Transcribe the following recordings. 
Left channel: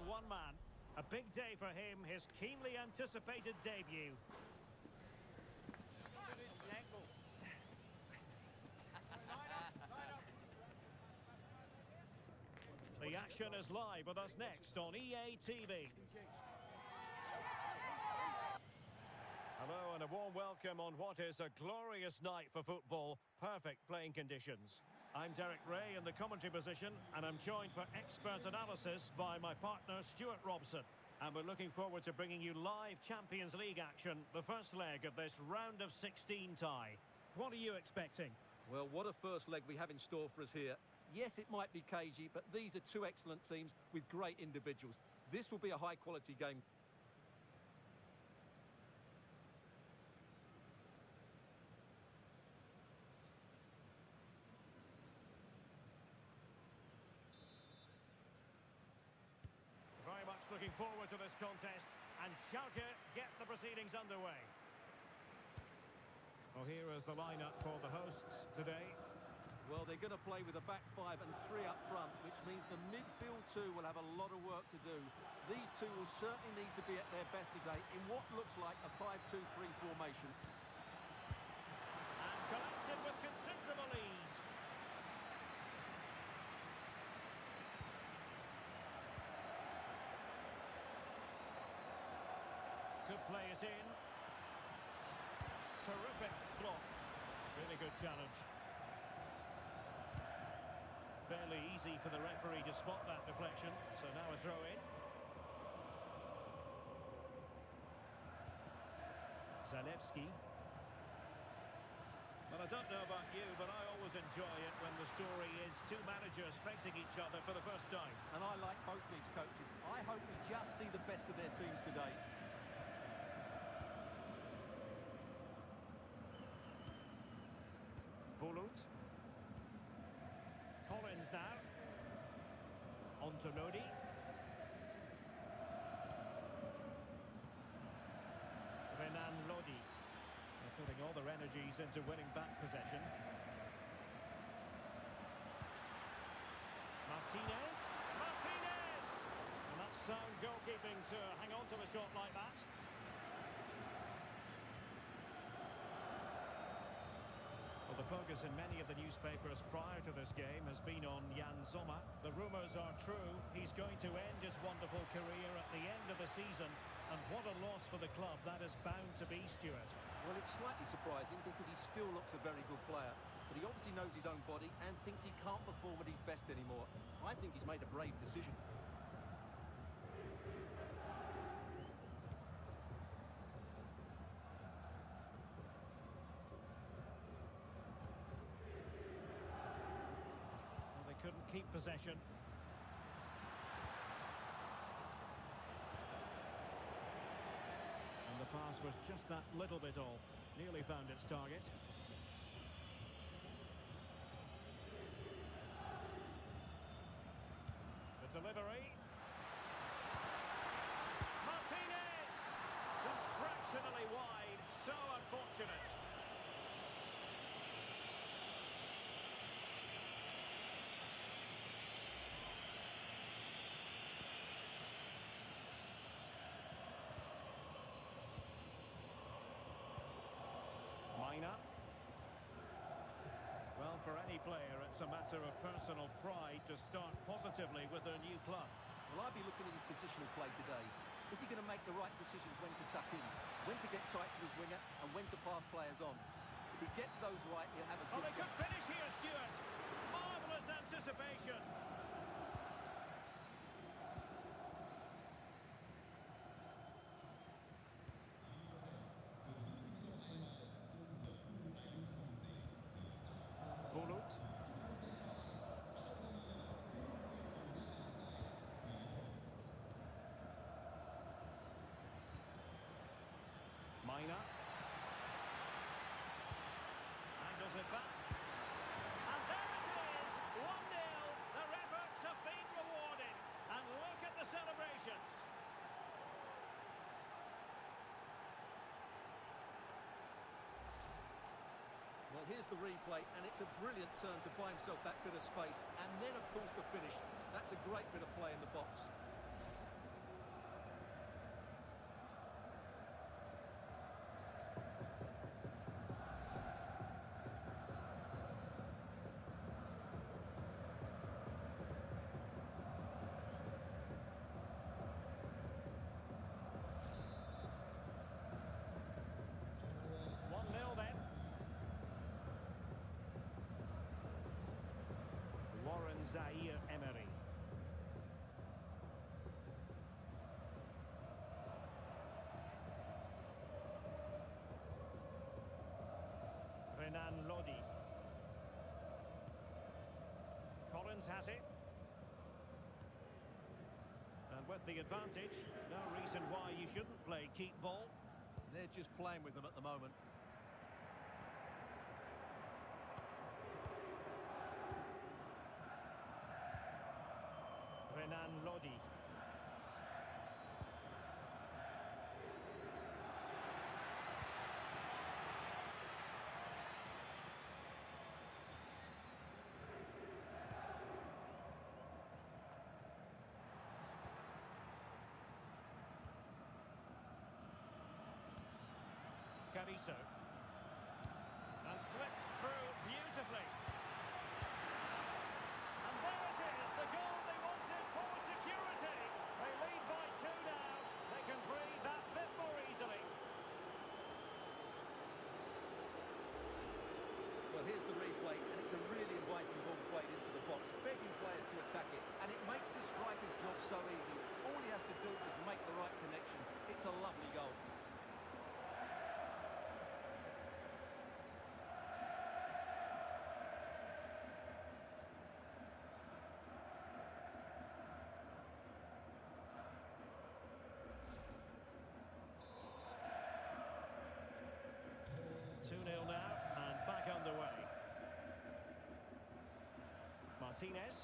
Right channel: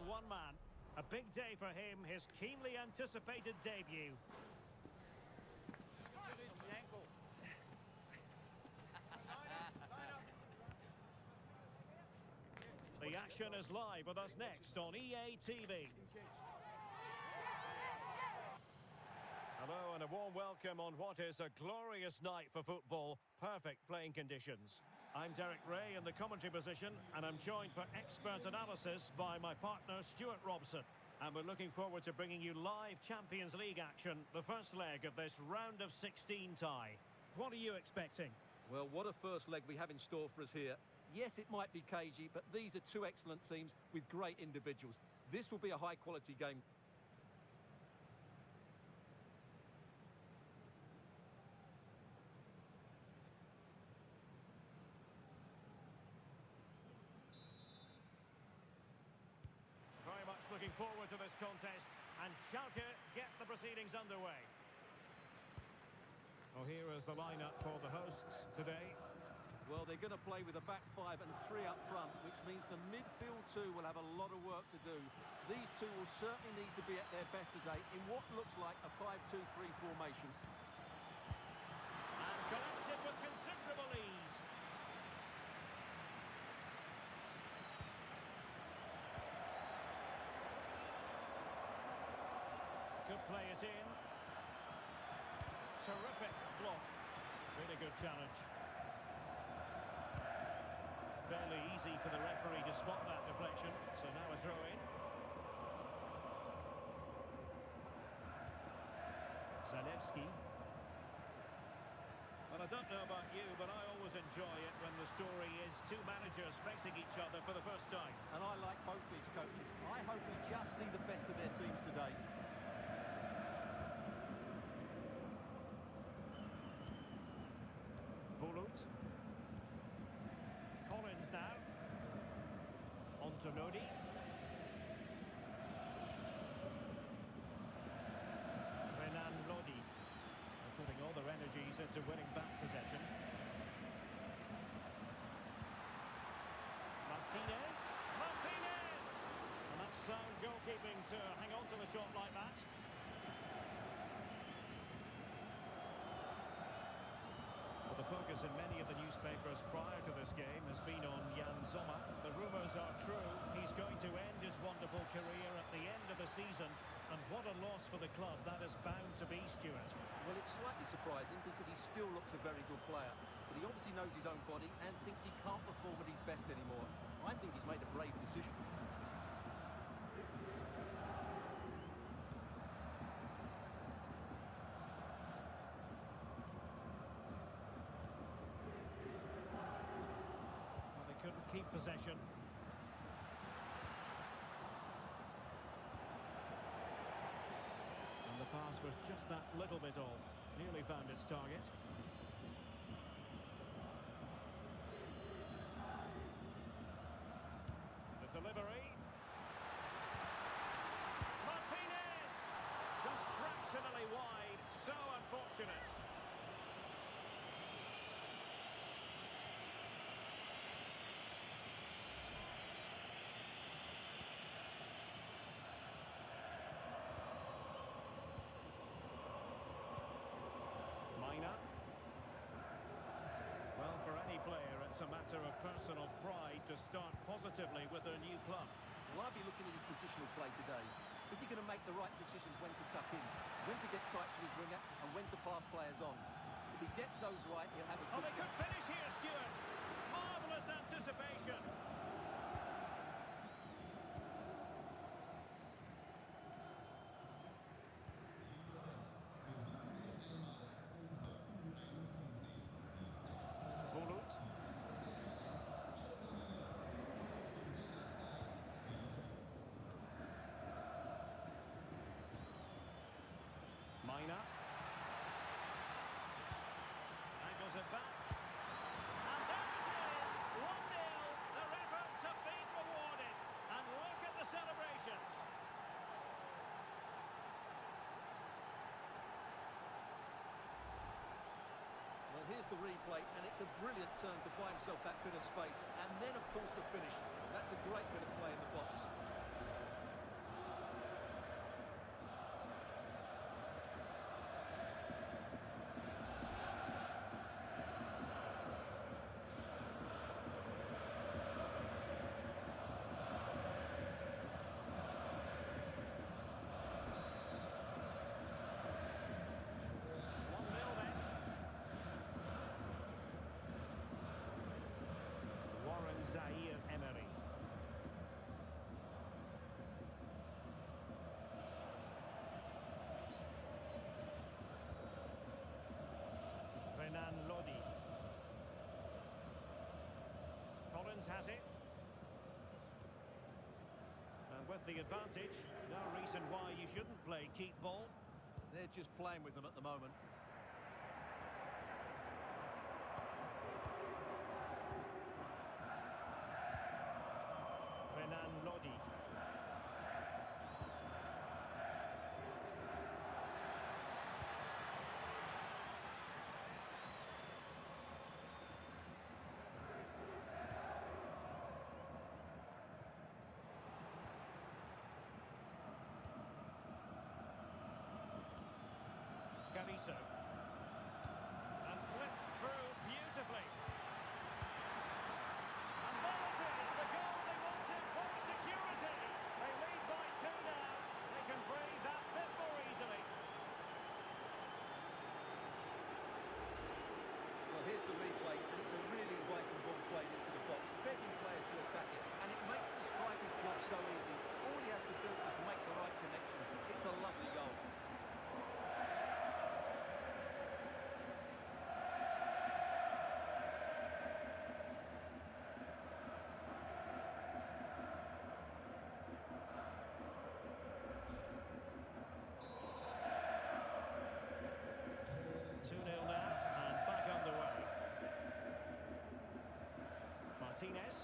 on one man. A big day for him, his keenly anticipated debut. The action is live with us next on EA TV. Hello and a warm welcome on what is a glorious night for football. Perfect playing conditions. I'm Derek Ray in the commentary position, and I'm joined for expert analysis by my partner Stuart Robson. And we're looking forward to bringing you live Champions League action, the first leg of this round of 16 tie. What are you expecting? Well, what a first leg we have in store for us here. Yes, it might be cagey, but these are two excellent teams with great individuals. This will be a high-quality game. Very much looking forward to this contest, and Schalke get the proceedings underway. Well, here is the lineup for the hosts today. Well, they're going to play with a back five and three up front, which means the midfield two will have a lot of work to do. These two will certainly need to be at their best today in what looks like a 5-2-3 formation. And collected with considerable ease. Could play it in. Terrific block. Really good challenge. Fairly easy for the referee to spot that deflection. So now a throw in. Zalewski. Well, I don't know about you, but I always enjoy it when the story is two managers facing each other for the first time. And I like both these coaches. I hope we just see the best of their teams today. Bulut. Collins now. On to Lodi. Renan Lodi. They're putting all their energies into winning back possession. Martinez. Martinez! And that's sound goalkeeping to hang on to the shot like that. Well, the focus in many of the newspapers prior to this game has been on Jan Sommer. The rumours are true. He's going to end his wonderful career at the end of the season. And what a loss for the club that is bound to be, Stuart. Well, it's slightly surprising because he still looks a very good player. But he obviously knows his own body and thinks he can't perform at his best anymore. I think he's made a brave decision. They couldn't keep possession. And the pass was just that little bit off. Nearly found its target. The delivery. Martinez! Just fractionally wide. So unfortunate. Mina. Well, for any player, it's a matter of personal pride to start positively with their new club. Well, I'd be looking at his positional play today. Is he going to make the right decisions when to tuck in, when to get tight to his winger, and when to pass players on? If he gets those right, he'll have a good Oh, they could finish here, Stuart. Marvellous anticipation. Bulut. Mina. Angles it back. And there it is! 1-0. Their efforts have been rewarded. And look at the celebrations. Well, here's the replay, and it's a brilliant turn to buy himself that bit of space. And then, of course, the finish. That's a great bit of play in the box. Zaire Emery. Renan Lodi. Collins has it. And with the advantage, no reason why you shouldn't play keep ball. They're just playing with them at the moment. Renan Lodi. Cariso. And slipped through beautifully. And there it is, the goal they wanted for security. They lead by 2 now. They can breathe that bit more easily. Well, here's the replay, and it's a really inviting ball played into the box, begging players to attack it, and it makes the striker's job so easy. All he has to do is make the right connection. It's a lovely goal. Martinez.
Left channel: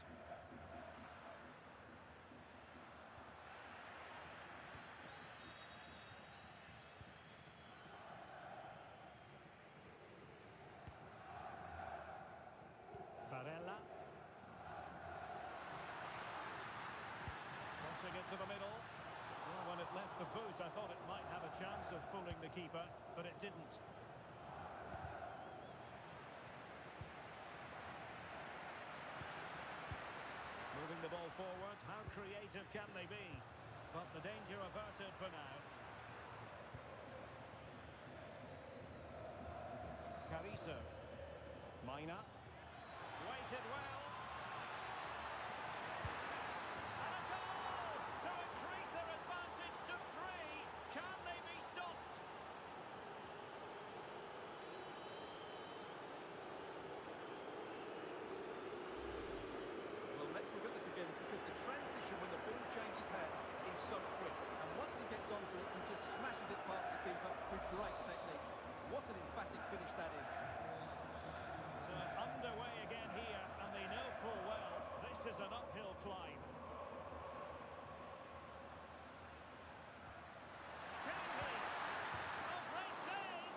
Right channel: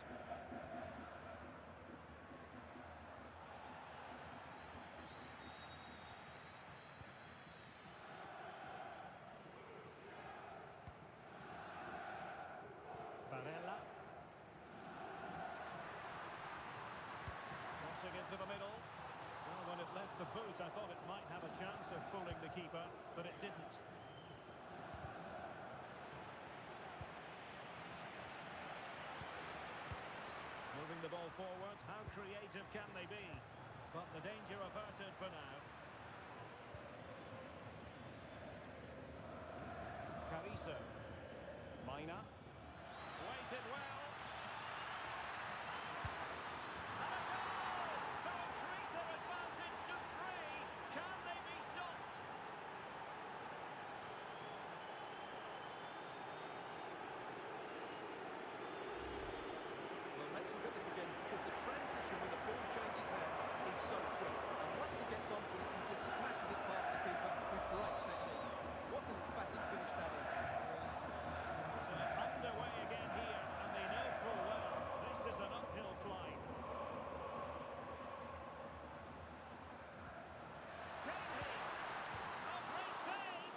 Barella. Crossing into the middle. Well, when it left the boot, I thought it might have a chance of fooling the keeper, but it didn't. Moving the ball forward, how creative can they be? But the danger averted for now. Cariso. Mina. Waited well. And a goal to increase their advantage to 3. Can they be stopped? Well, let's look at this again, because the transition when the ball changes hands is so quick. And once he gets onto it, he just smashes it past the keeper with great technique. What an emphatic finish that is. So underway again here, and they know full well this is an uphill climb. Can he? Oh, great save!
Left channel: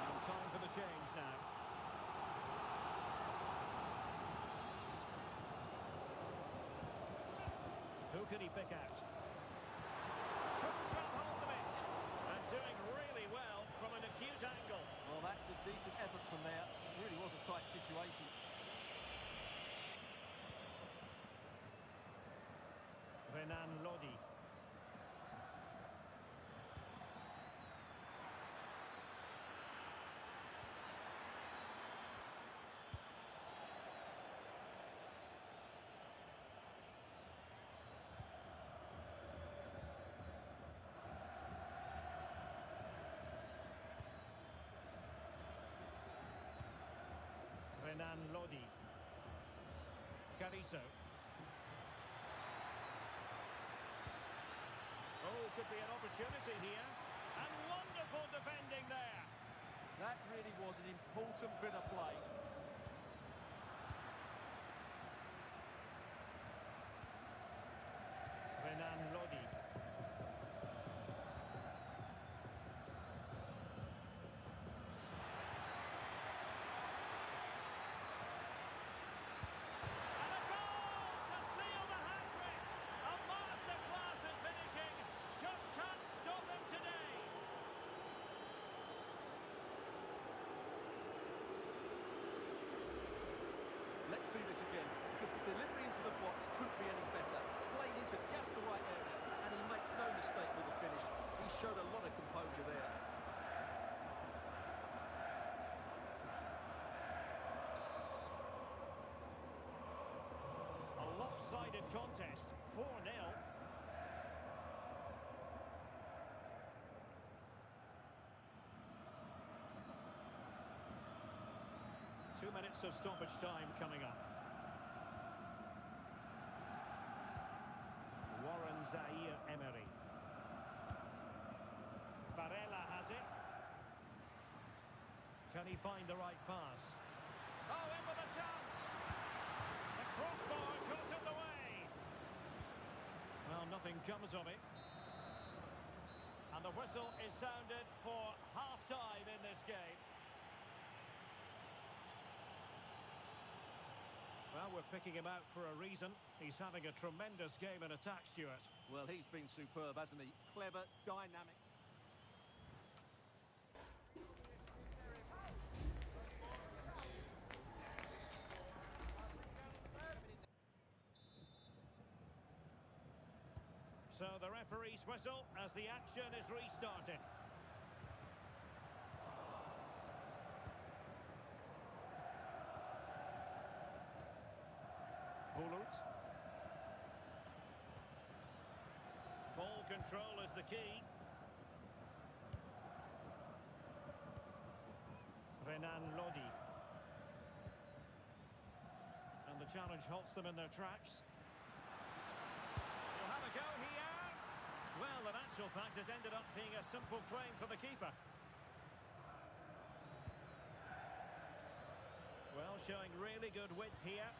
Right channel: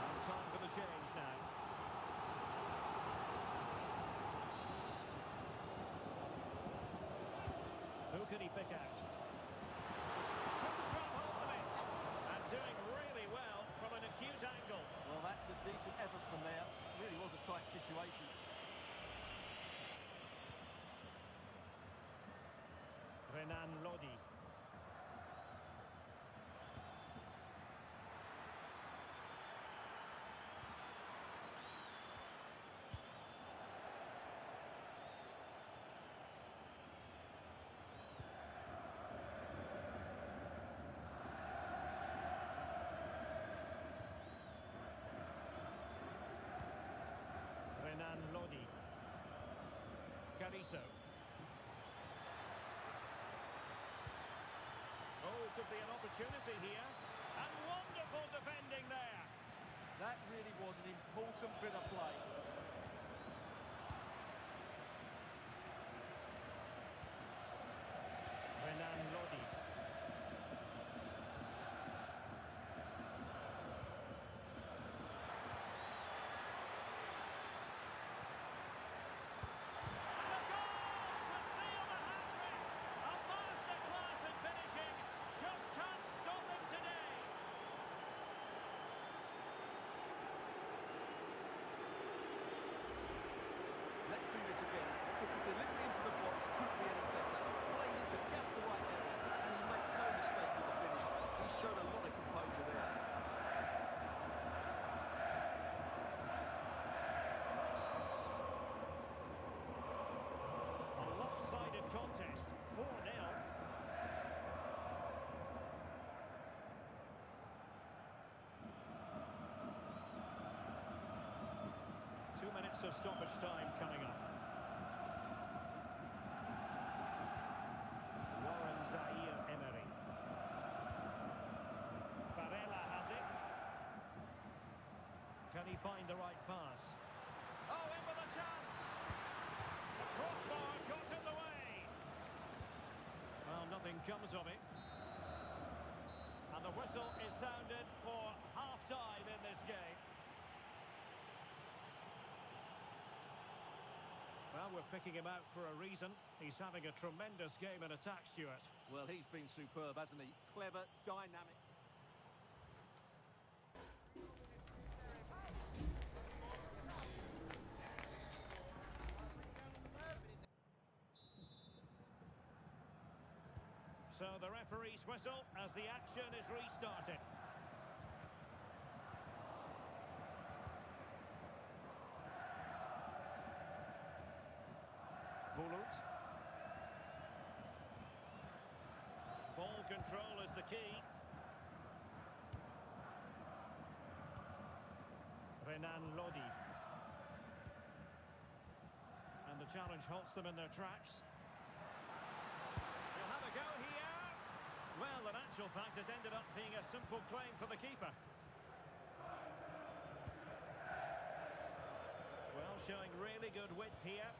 And time for the change now. Who can he pick out? Couldn't grab hold of it. And doing really well from an acute angle. Well, that's a decent effort from there. It really was a tight situation. Renan Lodi. Renan Lodi. Cariso. Oh, could be an opportunity here. And wonderful defending there. That really was an important bit of play. Renan Lodi. Just can't stop them today. Let's see this again, because the delivery into the box couldn't be any better. Played into just the right area, and he makes no mistake with the finish. He showed a lot of composure there. 2 minutes of stoppage time coming up. Warren Zaire-Emery. Barella has it. Can he find the right pass? Oh, in with a chance! The crossbar got in the way! Well, nothing comes of it. And the whistle is sounded for half-time in this game. Well, we're picking him out for a reason. He's having a tremendous game in attack, Stuart. Well, he's been superb, hasn't he? Clever, dynamic. So the referee's whistle as the action is restarted. Bulut. Ball control is the key. Renan Lodi. And the challenge halts them in their tracks. He'll have a go here. Well, in actual fact, it ended up being a simple claim for the keeper. Well, showing really good width here.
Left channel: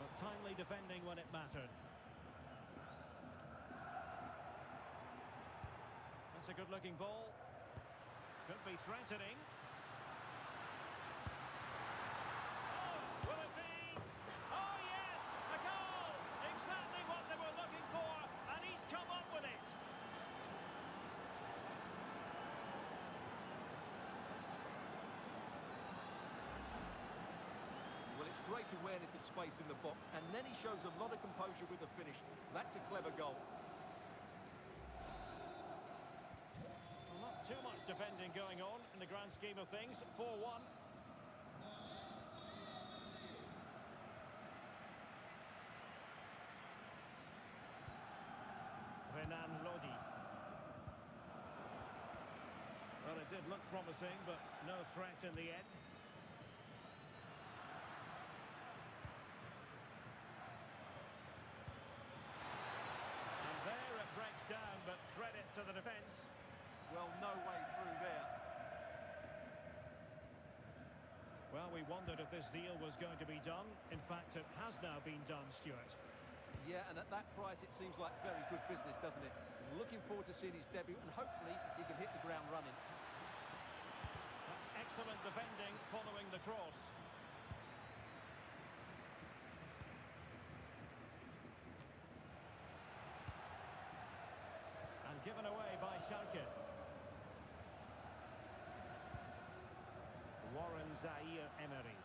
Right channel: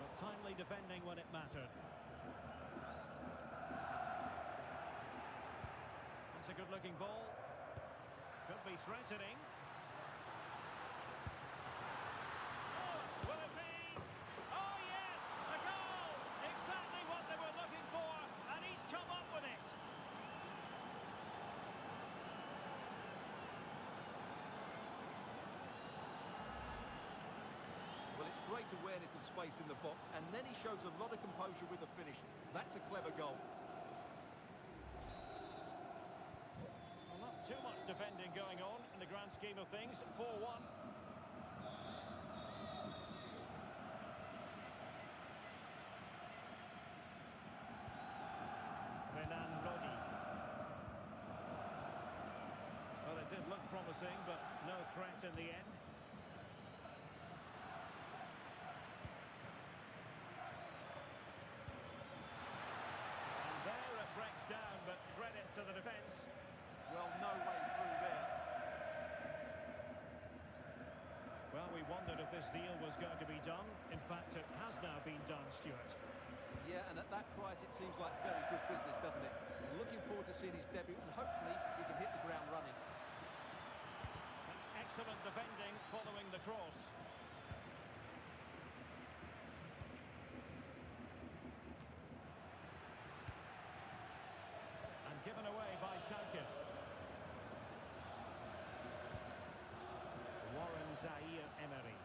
But timely defending when it mattered. That's a good-looking ball. Could be threatening. Oh, will it be? Oh, yes! A goal! Exactly what they were looking for, and he's come up with it. Well, it's great awareness of space in the box, and then he shows a lot of composure with the finish. That's a clever goal. Well, not too much defending going on in the grand scheme of things. 4-1. Renan Lodi. Well, it did look promising, but no threat in the end. And there it breaks down, but credit to the defence. Well, no way through there. Well, we wondered if this deal was going to be done. In fact, it has now been done, Stuart. Yeah, and at that price, it seems like very good business, doesn't it? Looking forward to seeing his debut, and hopefully he can hit the ground running. That's excellent defending following the cross. And given away by Schalke. Warren Zaire-Emery.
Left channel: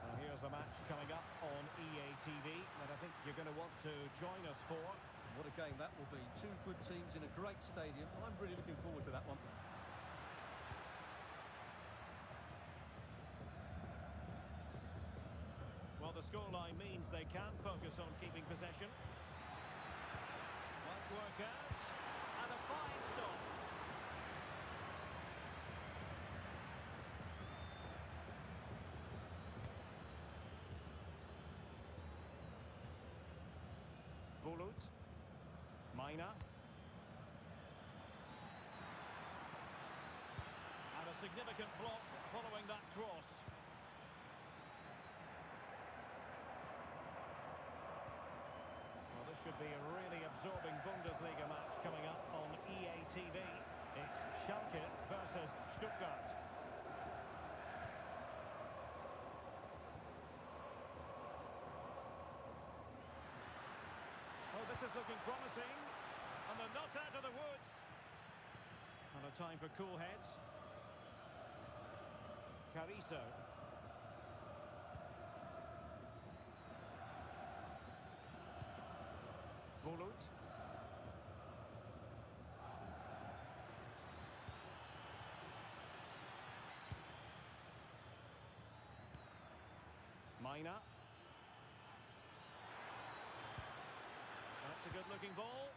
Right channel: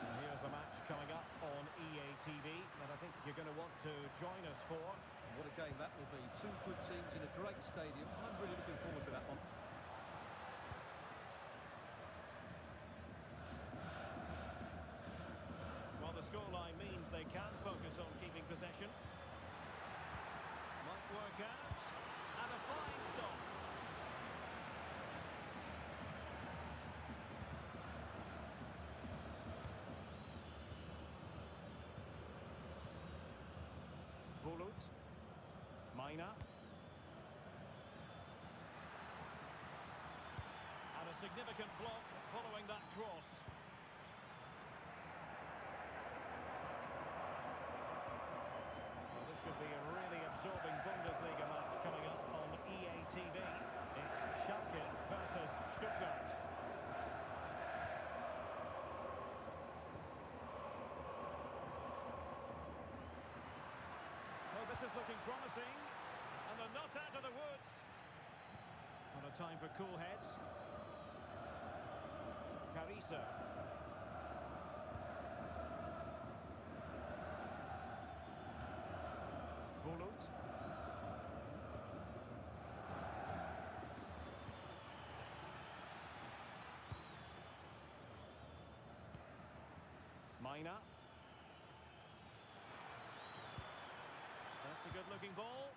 And here's a match coming up on EA TV that I think you're going to want to join us for. What a game that will be. Two good teams in a great stadium. I'm really looking forward to that one. Well, the scoreline means they can focus on keeping possession. Might work out. And a fine stop. Bulut. Mina. And a significant block following that cross. Well, this should be a really absorbing Bundesliga match coming up on EA TV. It's Schalke versus Stuttgart. Oh, this is looking promising. And they're not out of the woods. And a time for cool heads. Carrizo. Bulut. Mina. That's a good-looking ball.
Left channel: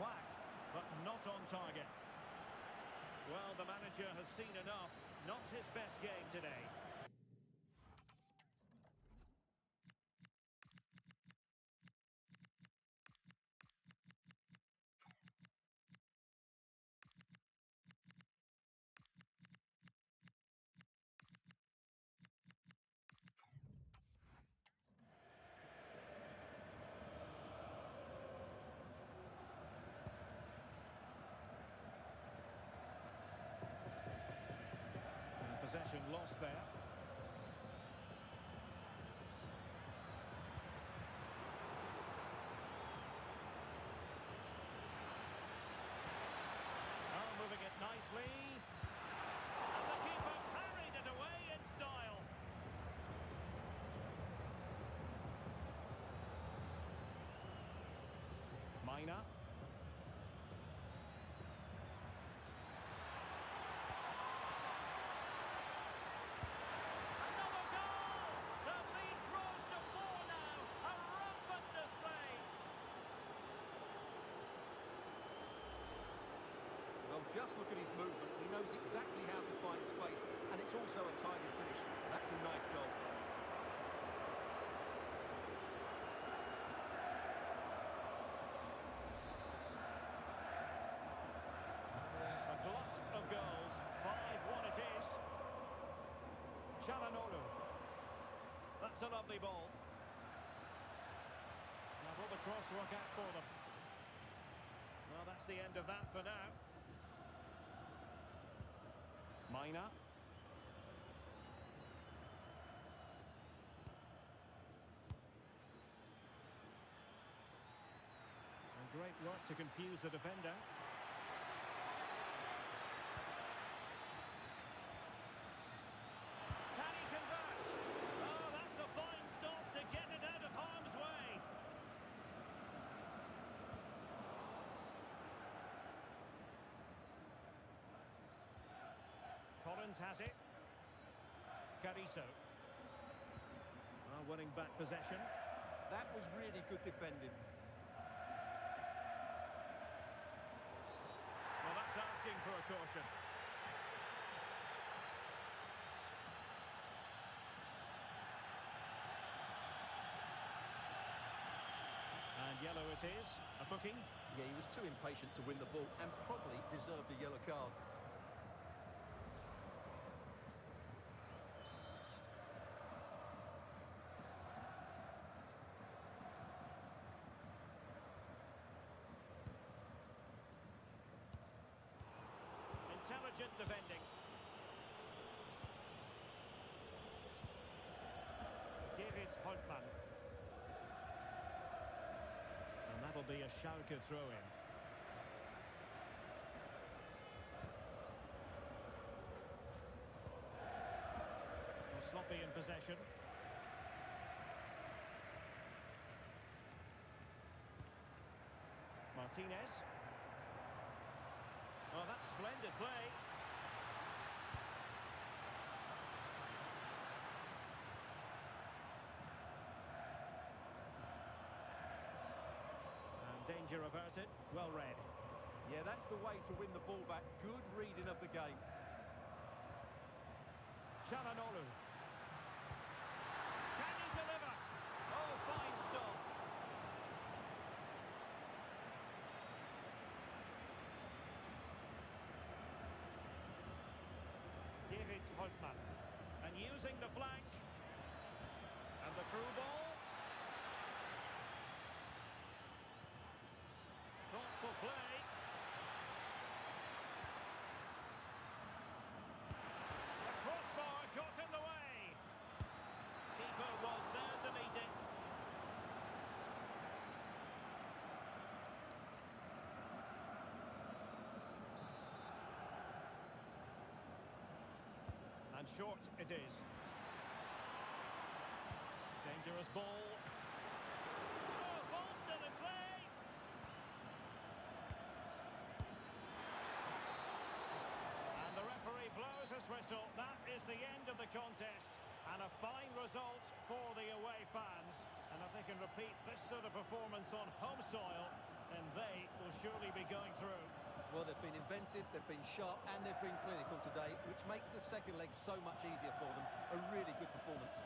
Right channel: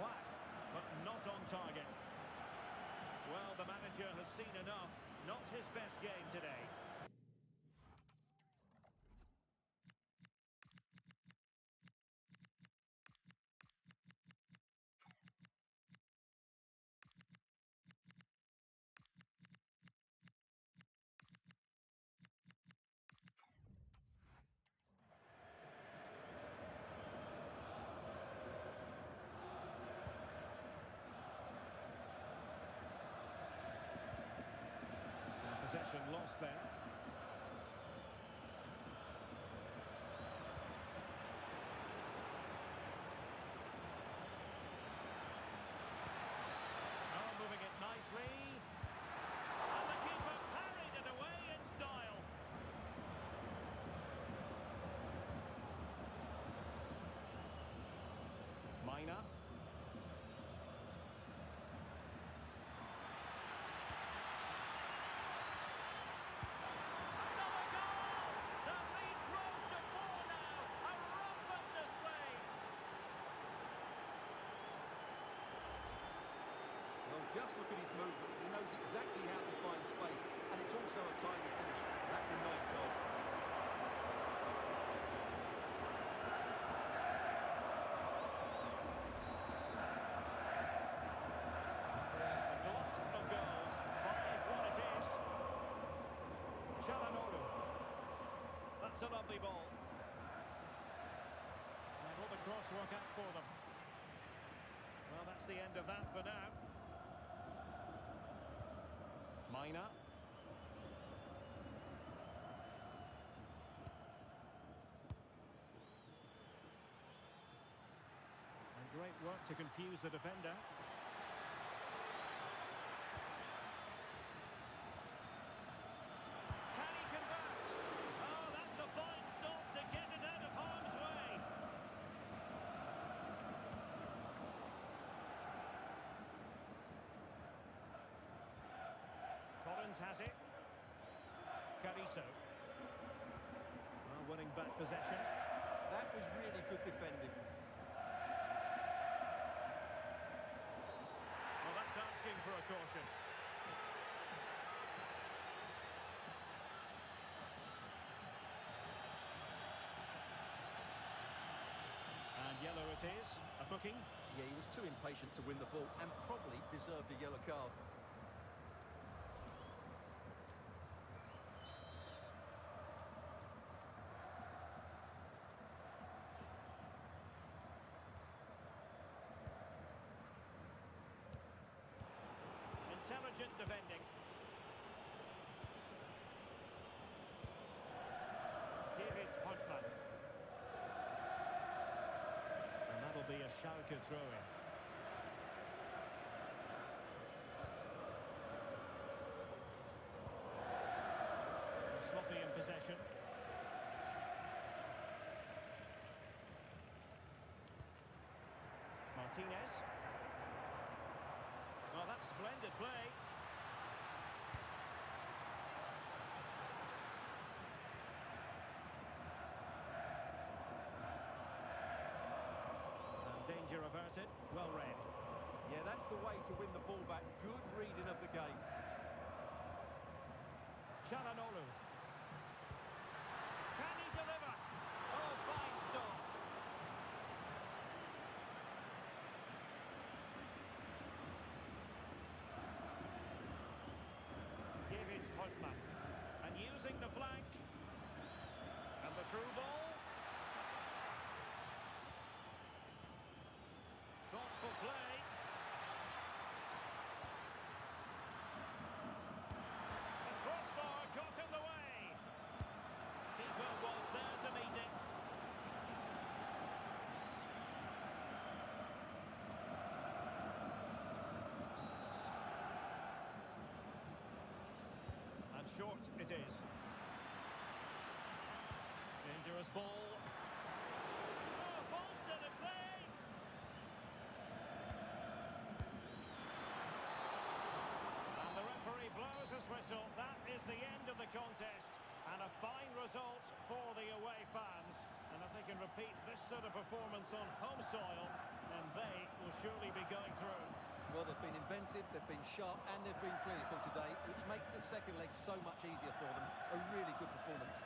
whack, but not on target. Well, the manager has seen enough. Not his best game today. Possession lost there. Oh, moving it nicely. And the keeper parried it away in style. Mina. Well, just look at his movement. He knows exactly how to find space, and it's also a timely finish. That's a nice goal. A glut of goals. 5-1 it is. Çalhanoğlu. That's a lovely ball. Now will the cross work out for them? Well, that's the end of that for now. Mina. And great work to confuse the defender. Can he convert? Oh, that's a fine stop to get it out of harm's way. Collins has it. Cariso. Winning back possession. That was really good defending. Well, that's asking for a caution. And yellow it is. A booking. Yeah, he was too impatient to win the ball and probably deserved a yellow card. Intelligent defending. David Holtmann. And that'll be a Schalke throw-in. Sloppy in possession. Martinez. Well, that's splendid play. And danger averted. Well read. Yeah, that's the way to win the ball back. Good reading of the game. Çalhanoğlu. Can he deliver? Oh, fine stop. David Holtmann. And using the flank. And the through ball. Thoughtful play. The crossbar got in the way. Keeper was there to meet it. And short it is. Dangerous ball. Oh, ball still in play. And the referee blows his whistle. That is the end of the contest. And a fine result for the away fans. And if they can repeat this sort of performance on home soil, And they will surely be going through. Well, they've been inventive, they've been sharp, and they've been clinical today, which makes the second leg so much easier for them. A really good performance.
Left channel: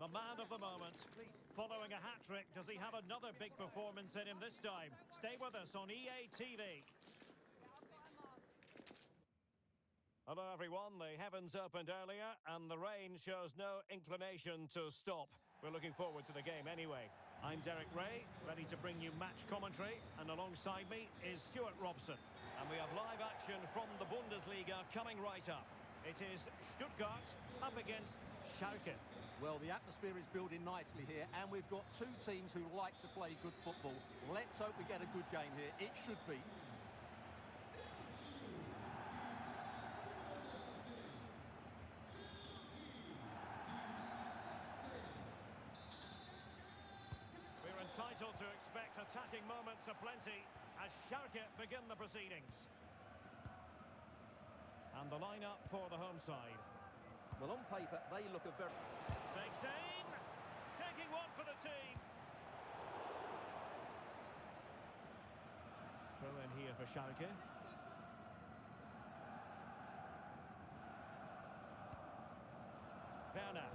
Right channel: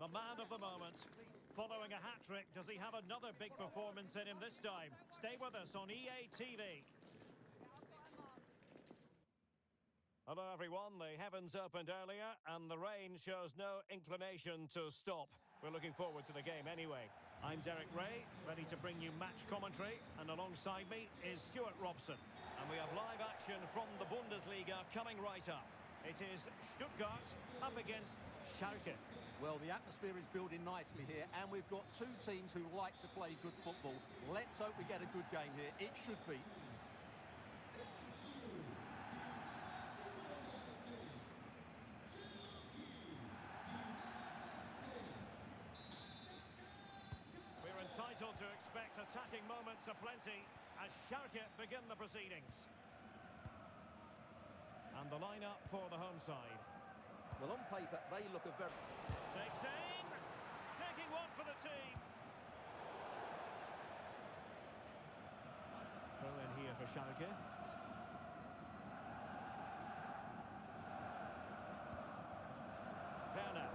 The man of the moment. Following a hat-trick, does he have another big performance in him this time? Stay with us on EA TV. Hello everyone, the heavens opened earlier and the rain shows no inclination to stop. We're looking forward to the game anyway. I'm Derek Ray, ready to bring you match commentary, and alongside me is Stuart Robson. And we have live action from the Bundesliga coming right up. It is Stuttgart up against Schalke. Well, the atmosphere is building nicely here, and we've got two teams who like to play good football. Let's hope we get a good game here. It should be. We're entitled to expect attacking moments aplenty as Schalke begin the proceedings. And the lineup for the home side. Well, on paper, they look a very... Takes aim, taking one for the team. Throw in here for Schalke. Werner.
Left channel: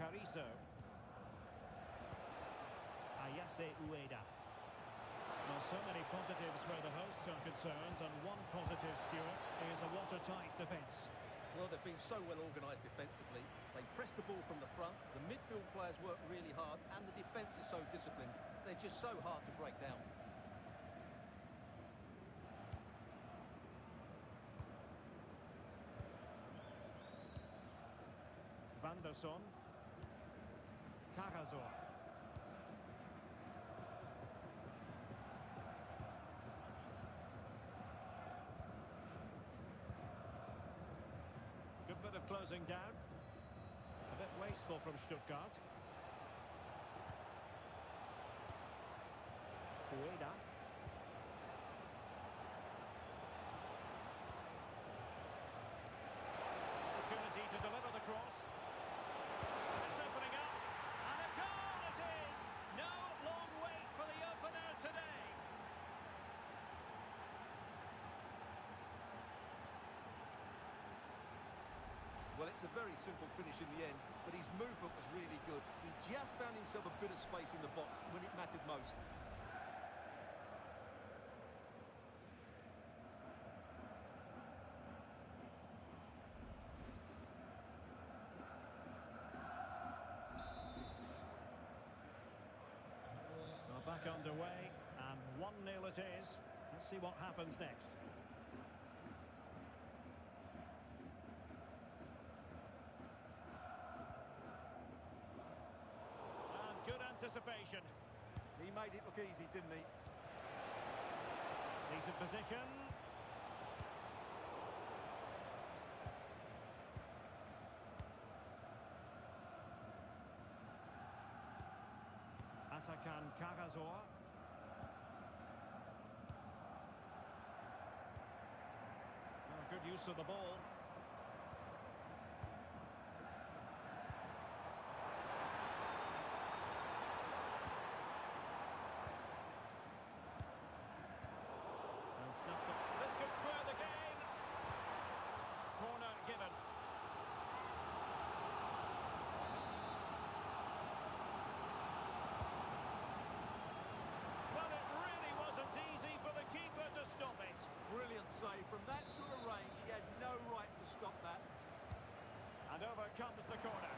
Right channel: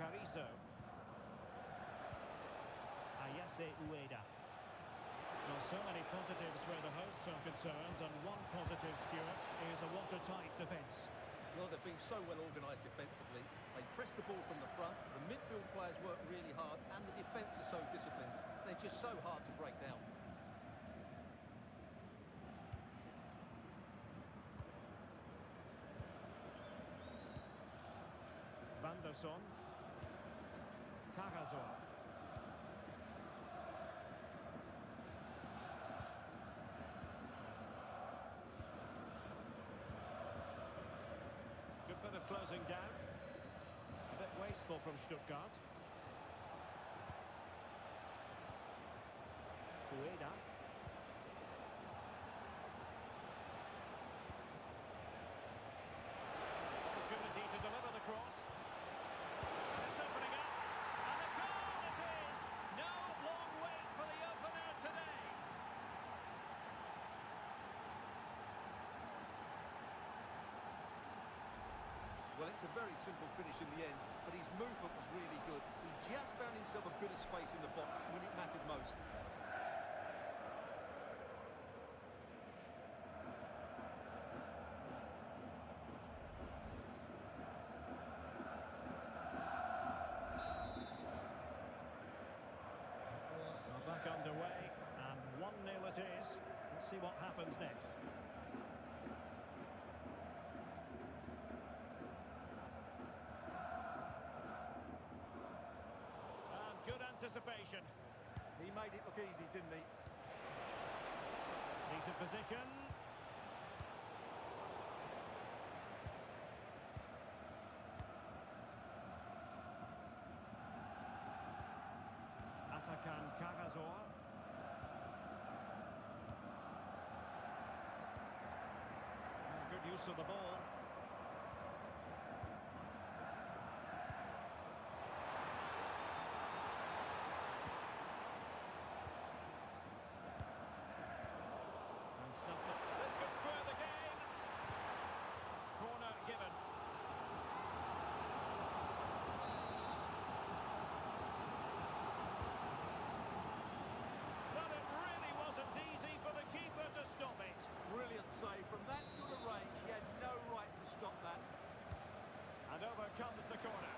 Carrizo. Ayase Ueda. Well, so many positives where the hosts are concerned, and one positive, Stuart, is a watertight defence. Well, they've been so well organised defensively. They press the ball from the front, the midfield players work really hard, and the defence is so disciplined. They're just so hard to break down. Van der Son. Carrazor. Good bit of closing down. A bit wasteful from Stuttgart. Ueda. Opportunity to deliver the cross. And it's opening up. And a goal it is! No long wait for the opener today. Well, it's a very simple finish in the end, but his movement was really good. He just found himself a bit of space in the box when it mattered most. underway, and 1-0 it is. Let's see what happens next. And good anticipation. He made it look easy, didn't he? Decent position. Atakan Karasor. Good use of the ball. And snuffed it. This could square the game. Corner given. Well, it really wasn't easy for the keeper to stop it. Brilliant save. From that sort of range, he had no right to stop that. And over comes the corner.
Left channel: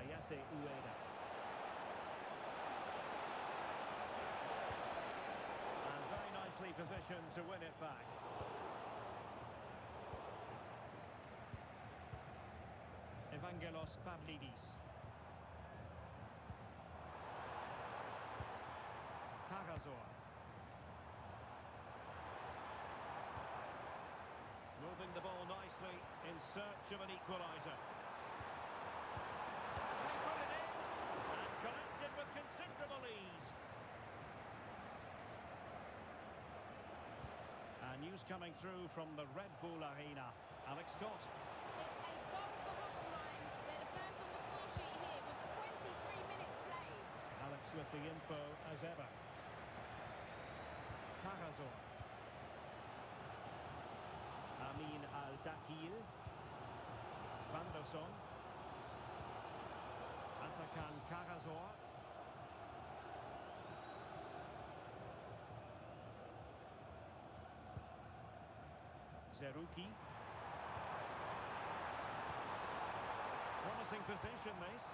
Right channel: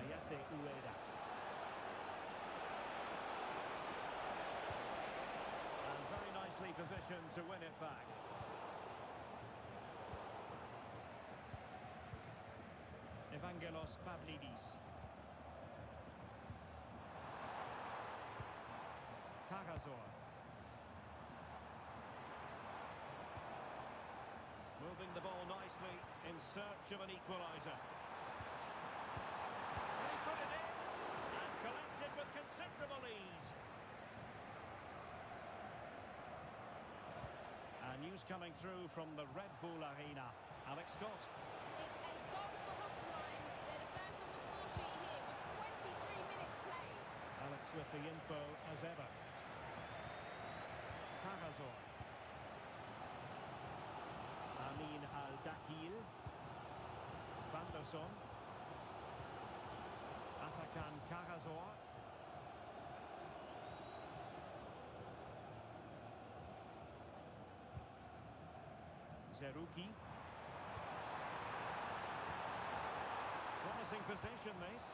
Ayase Ueda. And very nicely positioned to win it back. Evangelos Pavlidis. Karasor. Moving the ball nicely in search of an equaliser. And he put it in and collected with considerable ease. And news coming through from the Red Bull Arena. Alex Scott. It's a goal for Hoffenheim. They're the first on the score sheet here with 23 minutes played. Alex with the info as ever. Karasor. Amin Al-Dakil. Vanderson. Atakan Karasor. Zerouki. Promising position, this.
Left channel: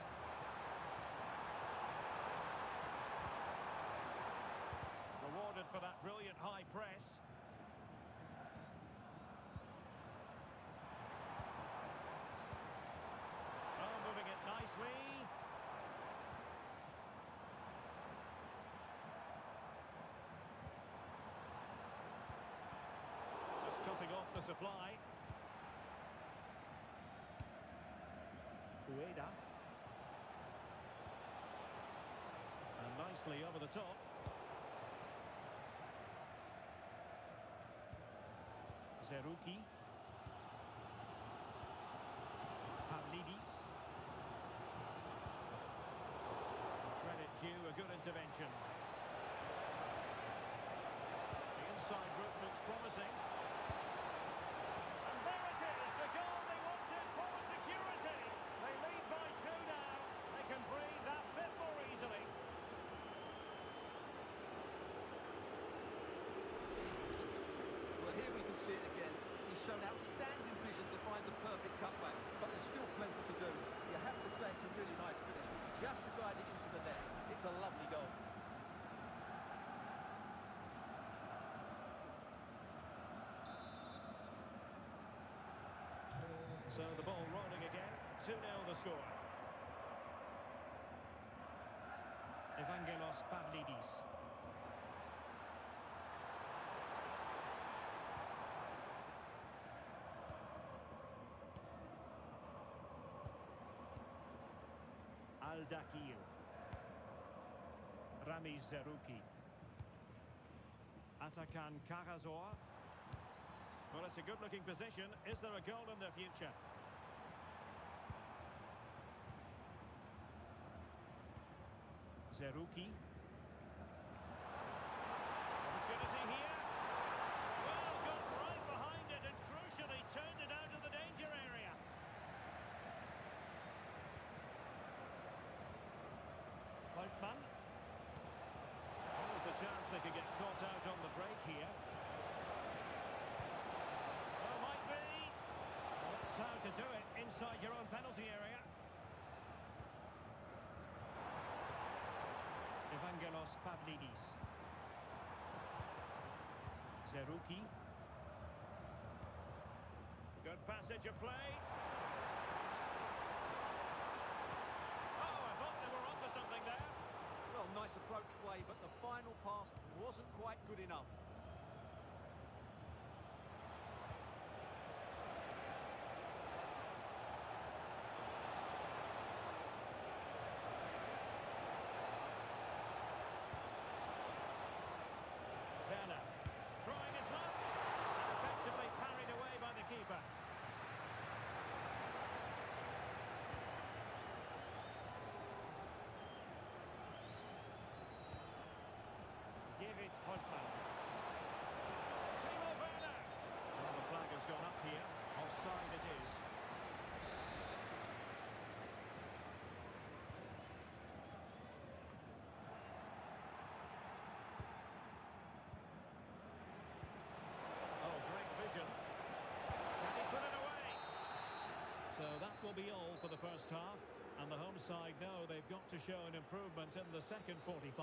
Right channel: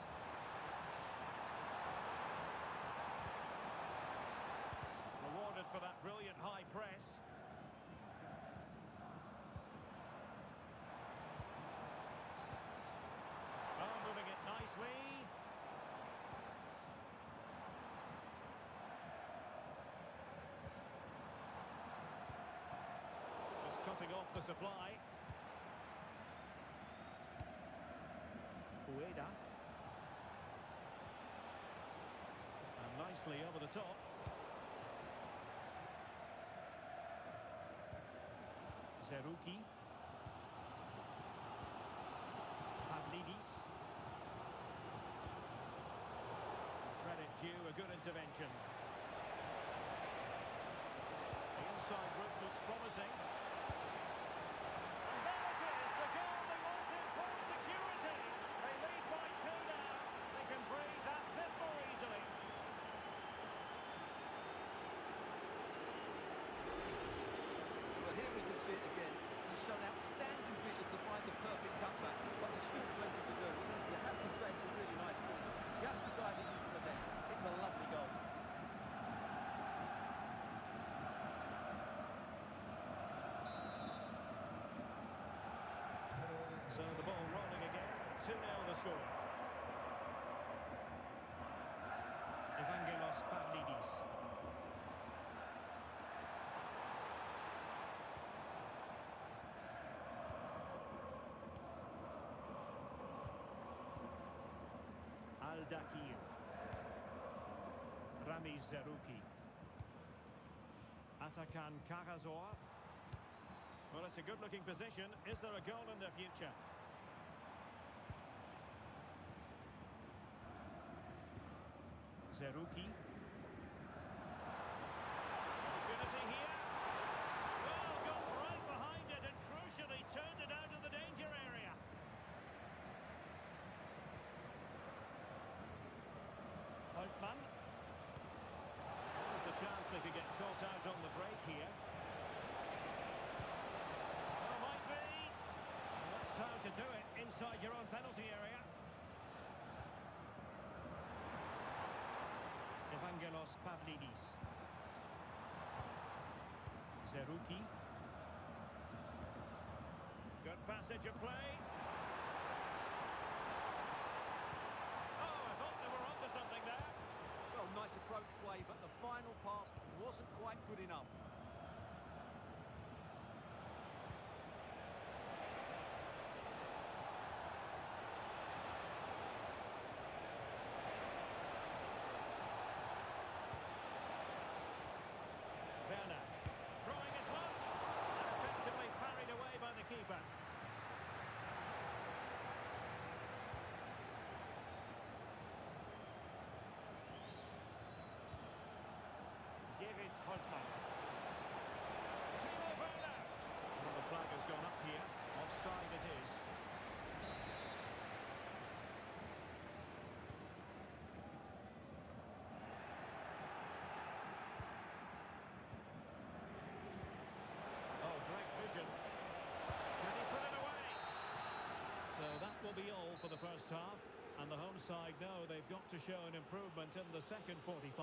Rewarded for that brilliant high press. Oh, moving it nicely. Just cutting off the supply. Ueda. And nicely over the top. Zerouki. Pavlidis. Credit due, a good intervention. The inside route looks promising. And there it is, the goal they wanted for security. They lead by 2 now. They can breathe that bit more easily. Well, here we can see it again. He's shown outstanding vision to find the perfect cutback, but there's still plenty to do. You have to say it's a really nice finish. Just to guide it into the net. It's a lovely goal. So the ball rolling again. 2-0 the score. Evangelos Pavlidis. Al-Dakil. Ramiz Zerouki. Atakan Karasor. Well, it's a good-looking position. Is there a goal in the future? Zerouki. Opportunity here. Well, got right behind it and crucially turned it out of the danger area. Holtmann. Always the chance they could get caught out on the break here. Oh, might be. Well, let's how to do it inside your own penalty area. Evangelos Pavlidis. Zerouki. Good passage of play. Oh, I thought they were onto something there. Well, nice approach play, but the final pass wasn't quite good enough. Werner, trying his luck, and effectively parried away by the keeper. David Holtmann. Timo Werner. Well, the flag has gone up here. Offside it is. Oh, great vision. Can he put it away? So that will be all for the first half. And the home side know they've got to show an improvement in the second 45.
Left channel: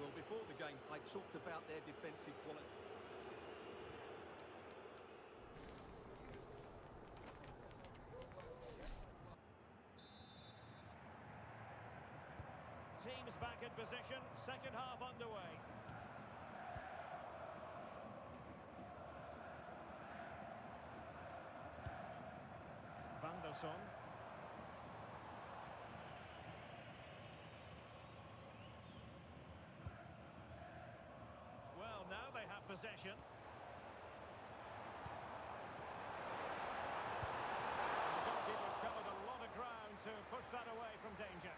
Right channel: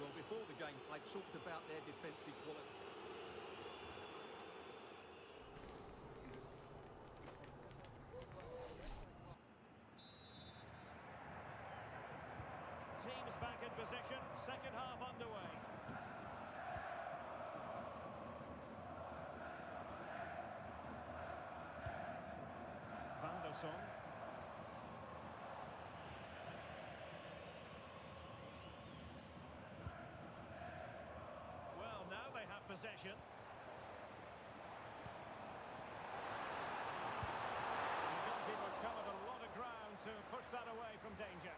Well, before the game, I talked about their defensive quality. Teams back in position, second half underway. Van der Son. Well, now they have possession. And the goalkeeper covered a lot of ground to push that away from danger.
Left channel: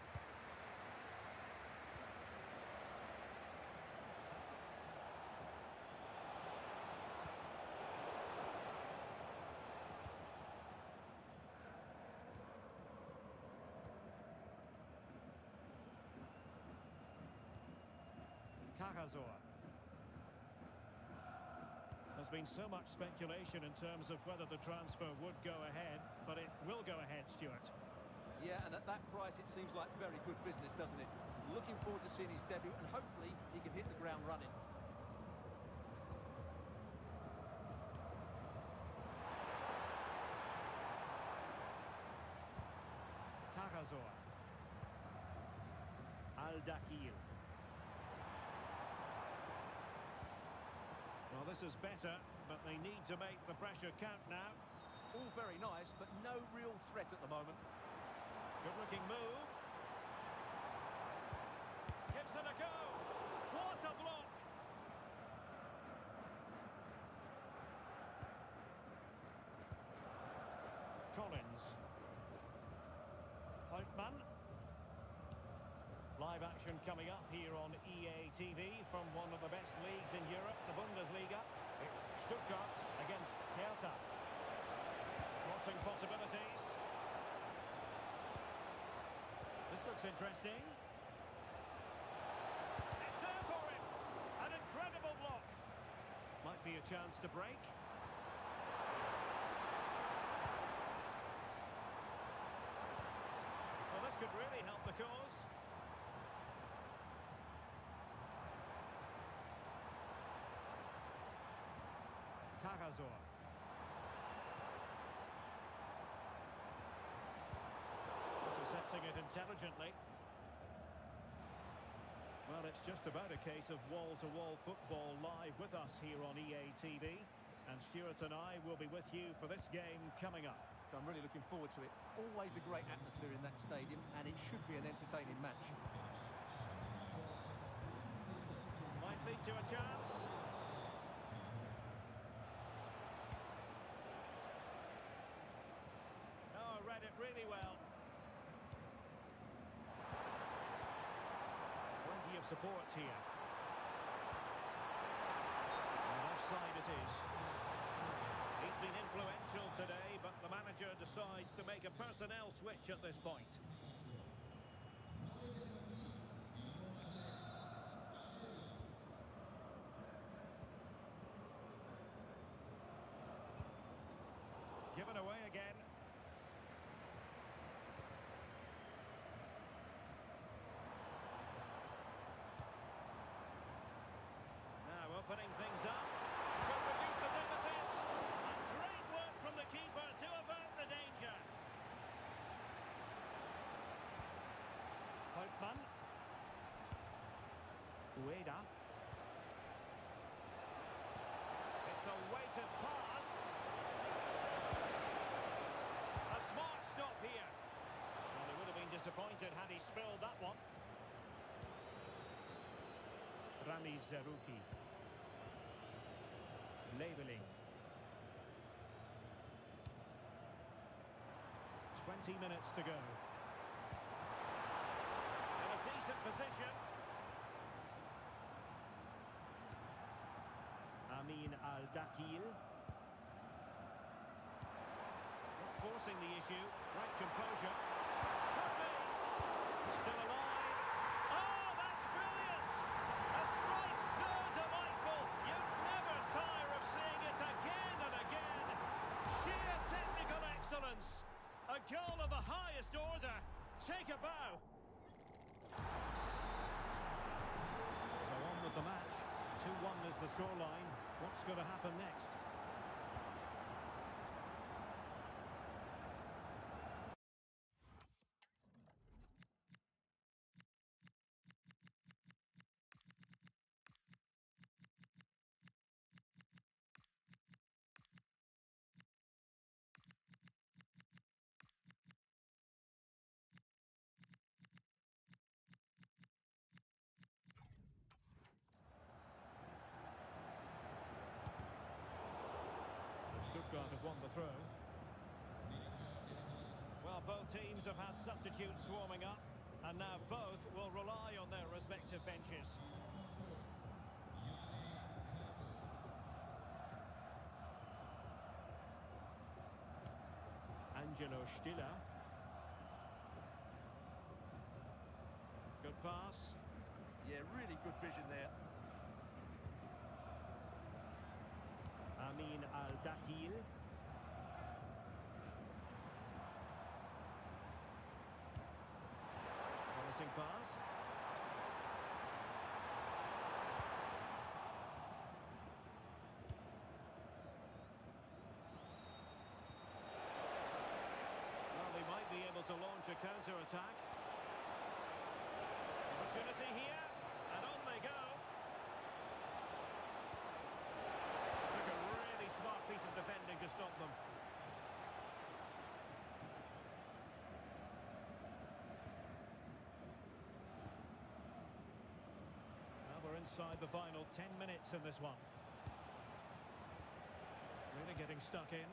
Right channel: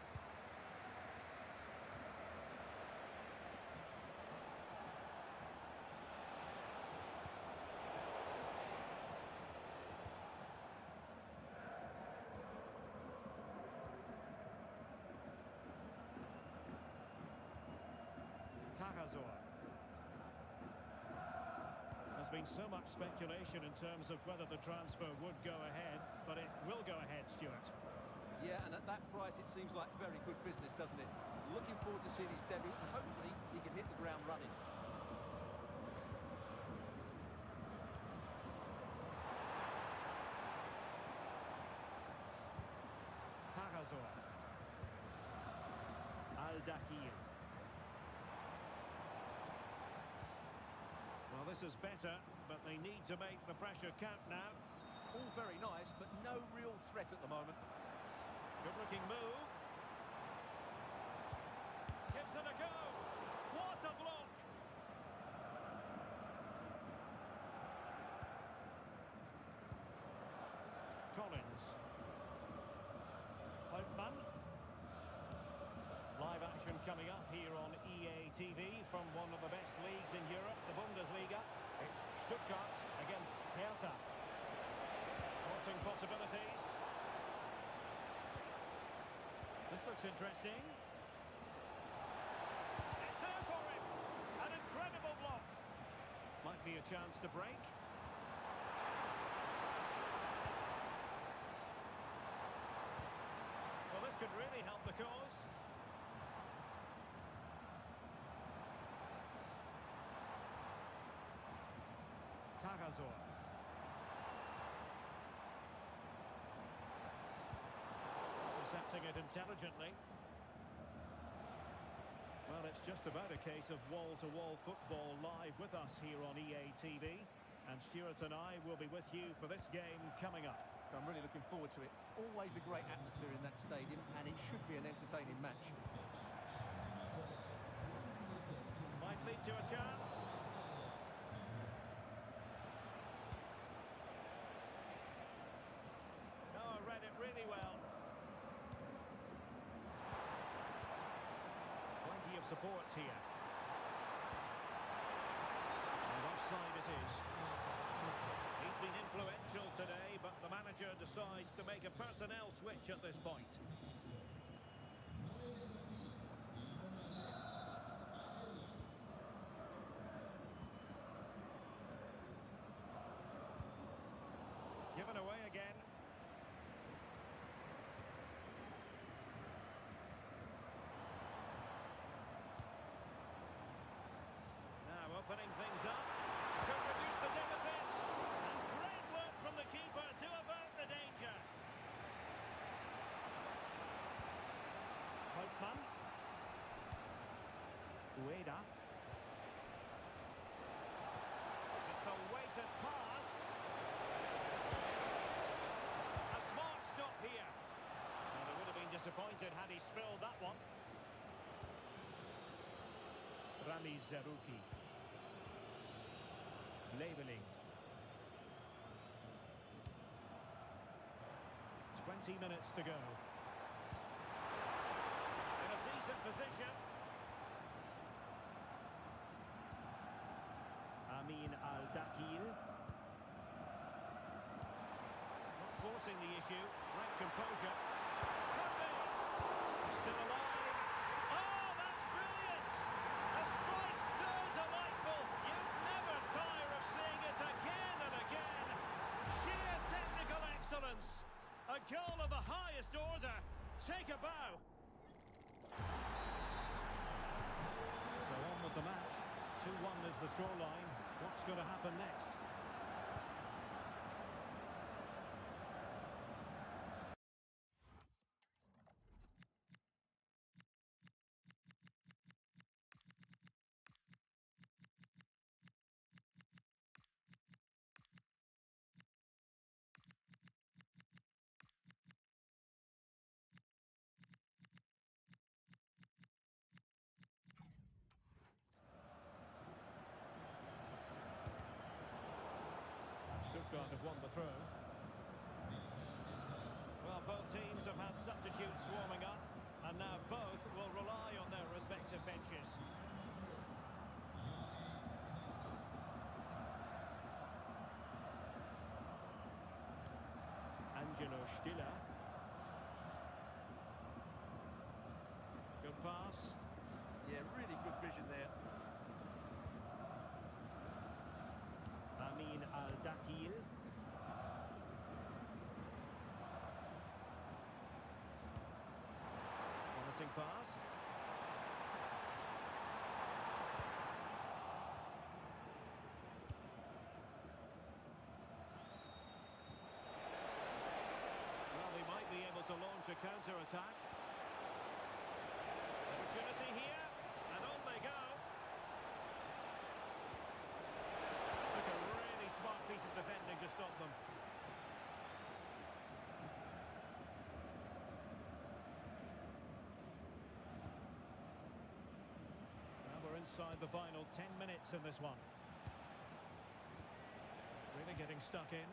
Cajazor. There's been so much speculation in terms of whether the transfer would go ahead, but it will go ahead, Stuart. Yeah, and at that price it seems like very good business, doesn't it? Looking forward to seeing his debut, and hopefully he can hit the ground running. Cajazor. Al-Dakhil. Well, this is better, but they need to make the pressure count now. All very nice, but no real threat at the moment. Good-looking move. Gives it a go. What a block! Collins. Holtmann. Live action coming up here on EA TV from one of the best leagues in Europe, the Bundesliga. It's Stuttgart against Hertha. Crossing possibilities. This looks interesting. It's there for him. An incredible block. Might be a chance to break. Well, this could really help the cause. Cajazor. Intercepting it intelligently. Well, it's just about a case of wall-to-wall football live with us here on EA TV. And Stuart and I will be with you for this game coming up. I'm really looking forward to it. Always a great atmosphere in that stadium, and it should be an entertaining match. Might lead to a chance. Oh, read it really well. Plenty of support here. And offside it is. He's been influential today, but the manager decides to make a personnel switch at this point. Given away again. opening things up. Could reduce the deficit. And great work from the keeper to avert the danger. Houtman. Ueda. It's a weighted pass. A smart stop here. Well, they would have been disappointed had he spilled that one. Rami Zerouki. Leveling. 20 minutes to go. In a decent position. Amin Al-Dakil. Not forcing the issue. Great composure. Could be. Still alive. Oh, that's brilliant! A strike so delightful. You'd never tire of seeing it again and again. Sheer technical excellence. A goal of the highest order. Take a bow. So on with the match. 2-1 is the scoreline. What's going to happen next? Stuttgart have won the throw. Well, both teams have had substitutes warming up, and now both will rely on their respective benches. Angelo Stiller. Good pass. Yeah, really good vision there. Amin Al-Dakil. Promising pass. Well, they might be able to launch a counter-attack. Opportunity here, and on they go. Took a really smart piece of defending to stop them. Now we're inside the final 10 minutes in this one. Really getting stuck in.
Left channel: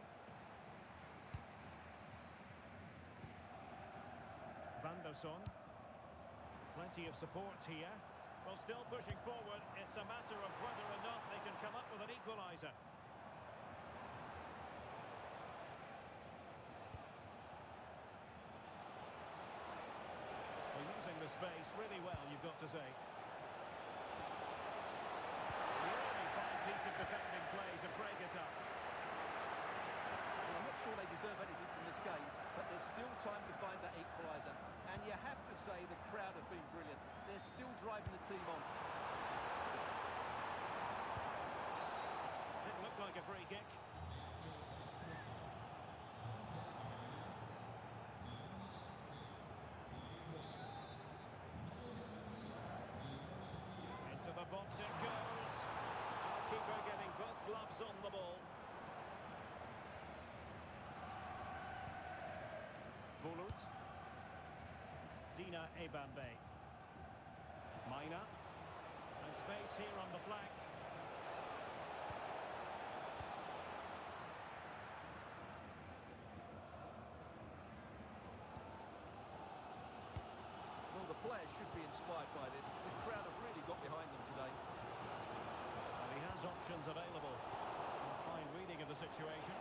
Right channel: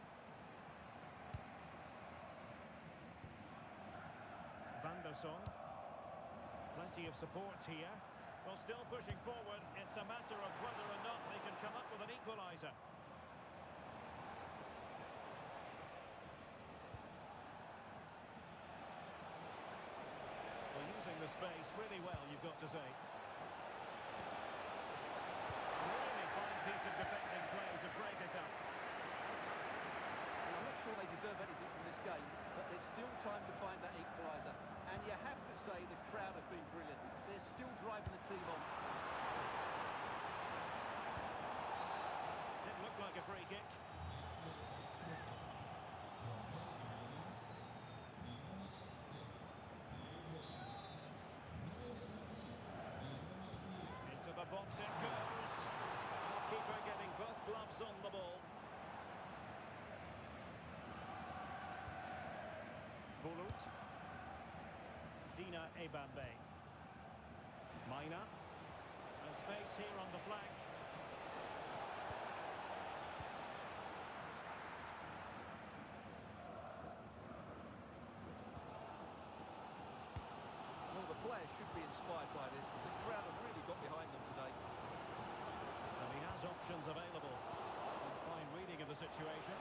Van der Son. Plenty of support here. Well, still pushing forward. It's a matter of whether or not they can come up with an equaliser. Well, using the space really well, you've got to say. Really fine piece of defending play to break it up. Well, I'm not sure they deserve anything from this game, but there's still time to find that equaliser. And you have to say the crowd have been brilliant. They're still driving the team on. Didn't look like a free kick. Into the box it goes. Our keeper getting both gloves on the ball. Bulut. Dina Ebambe. Mina. And space here on the flank. Well, the players should be inspired by this. The crowd have really got behind them today. And he has options available. And fine reading of the situation.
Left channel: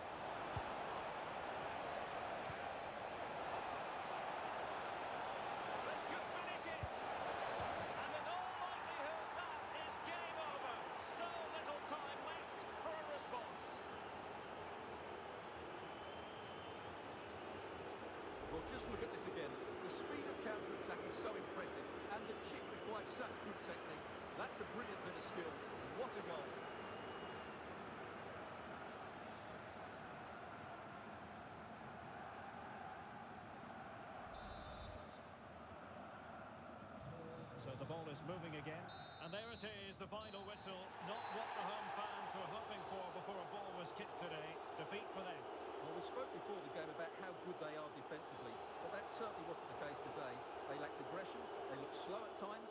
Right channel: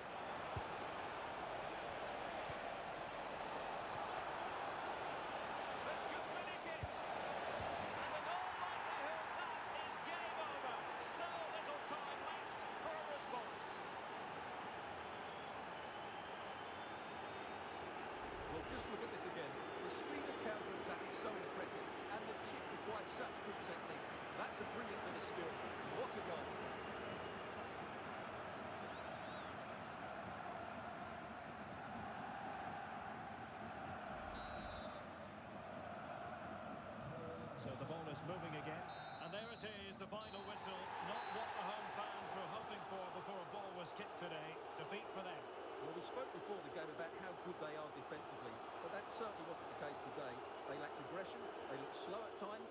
This could finish it. And in all likelihood, that is game over. So little time left for a response. Well, just look at this again. The speed of counter-attack is so impressive, and the chip requires such good technique. That's a brilliant bit of skill. And What a goal. So the ball is moving again. And there it is, the final whistle. Not what the home fans were hoping for before a ball was kicked today. Defeat for them. Well, we spoke before the game about how good they are defensively, but that certainly wasn't the case today. They lacked aggression, they looked slow at times,